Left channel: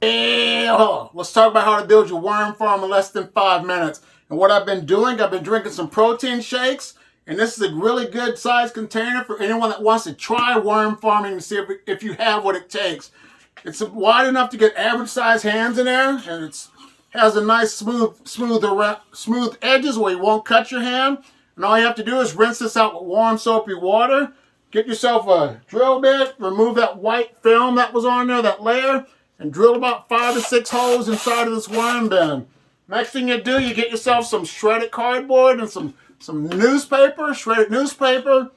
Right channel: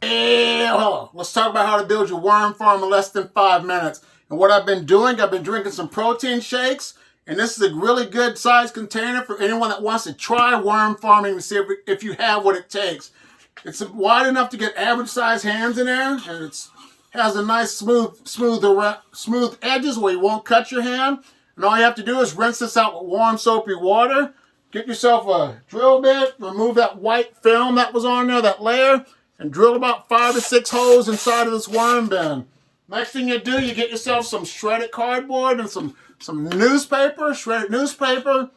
Let's talk about how to build your worm farm in less than 5 minutes. And what I've been doing, I've been drinking some protein shakes, and this is a really good size container for anyone that wants to try worm farming to see if you have what it takes. It's wide enough to get average size hands in there, and it has a nice smooth edges where you won't cut your hand. And all you have to do is rinse this out with warm soapy water. Get yourself a drill bit, remove that white film that was on there, that layer, and drill about 5 to 6 holes inside of this worm bin. Next thing you do, you get yourself some shredded cardboard and some newspaper, shredded newspaper.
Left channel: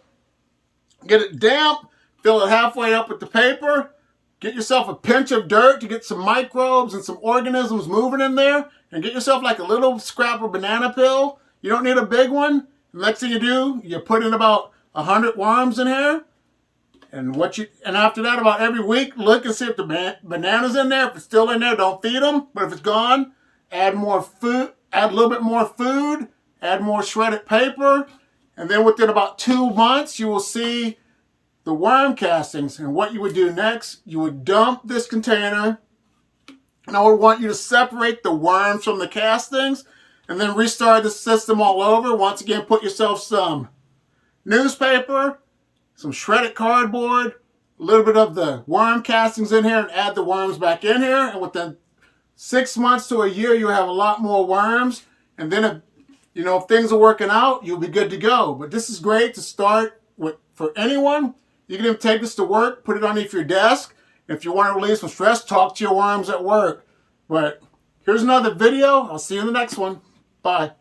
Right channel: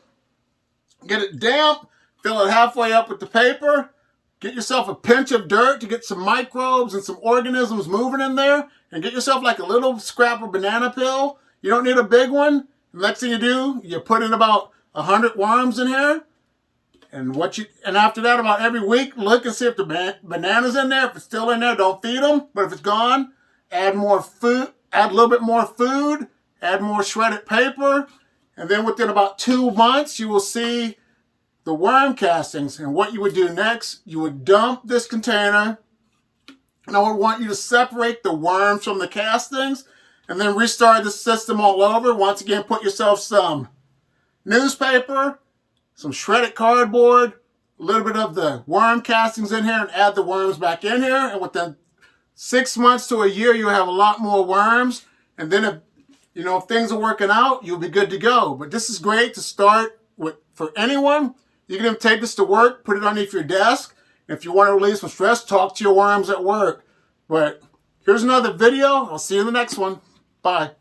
Get it damp, fill it halfway up with the paper. Get yourself a pinch of dirt to get some microbes and some organisms moving in there. And get yourself like a little scrap of banana peel. You don't need a big one. Next thing you do, you put in about 100 worms in here. And after that, about every week, look and see if the banana's in there. If it's still in there, don't feed them. But if it's gone, add more food, add a little bit more food, add more shredded paper. And then within about 2 months, you will see the worm castings. And what you would do next, you would dump this container. And I would want you to separate the worms from the castings and then restart the system all over. Once again, put yourself some newspaper, some shredded cardboard, a little bit of the worm castings in here, and add the worms back in here. And within 6 months to a year, you'll have a lot more worms. And then if things are working out, you'll be good to go. But this is great to start with for anyone. You can even take this to work, put it underneath your desk. If you want to relieve some stress, talk to your worms at work. But here's another video. I'll see you in the next one. Bye.